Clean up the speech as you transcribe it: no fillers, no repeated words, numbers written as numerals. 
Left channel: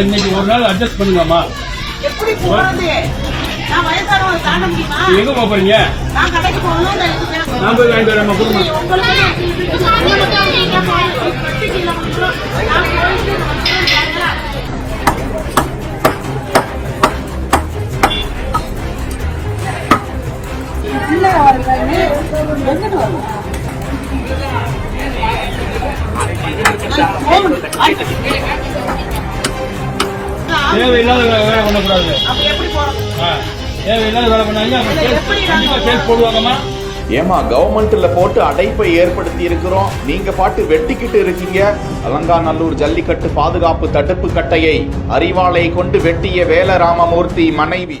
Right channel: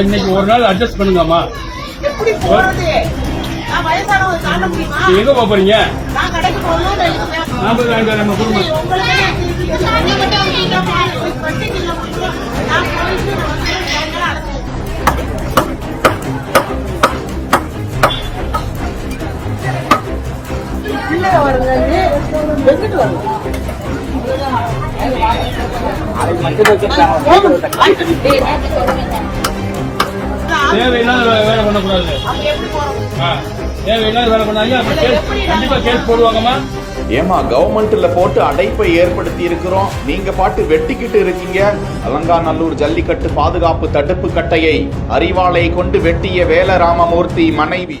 இன்னைக்கு ஒரு நாள் அட்ஜஸ்ட் பண்ணுங்கம்மா. எங்க போறீங்க? நான் போய் வாங்கிட்டு வரேன் குடும்பம். தேவையில்லாத வேலை பண்ணக்கூடாது. தேவையில்லாத வேலை பண்ணாங்க கண்டிப்பா கேஸ் போடுவாங்கம்மா. ஏமா கவர்மெண்ட்ல போட்டு அடைப்பை ஏற்படுத்தி இருக்கிறோம், நீங்க பாட்டு வெட்டிக்கிட்டு இருக்கீங்க. அலங்காநல்லூர் ஜல்லிக்கட்டு பாதுகாப்பு தடுப்பு கட்டையை அறிவாளை கொண்டு வெட்டிய வேல ராமமூர்த்தி மனைவி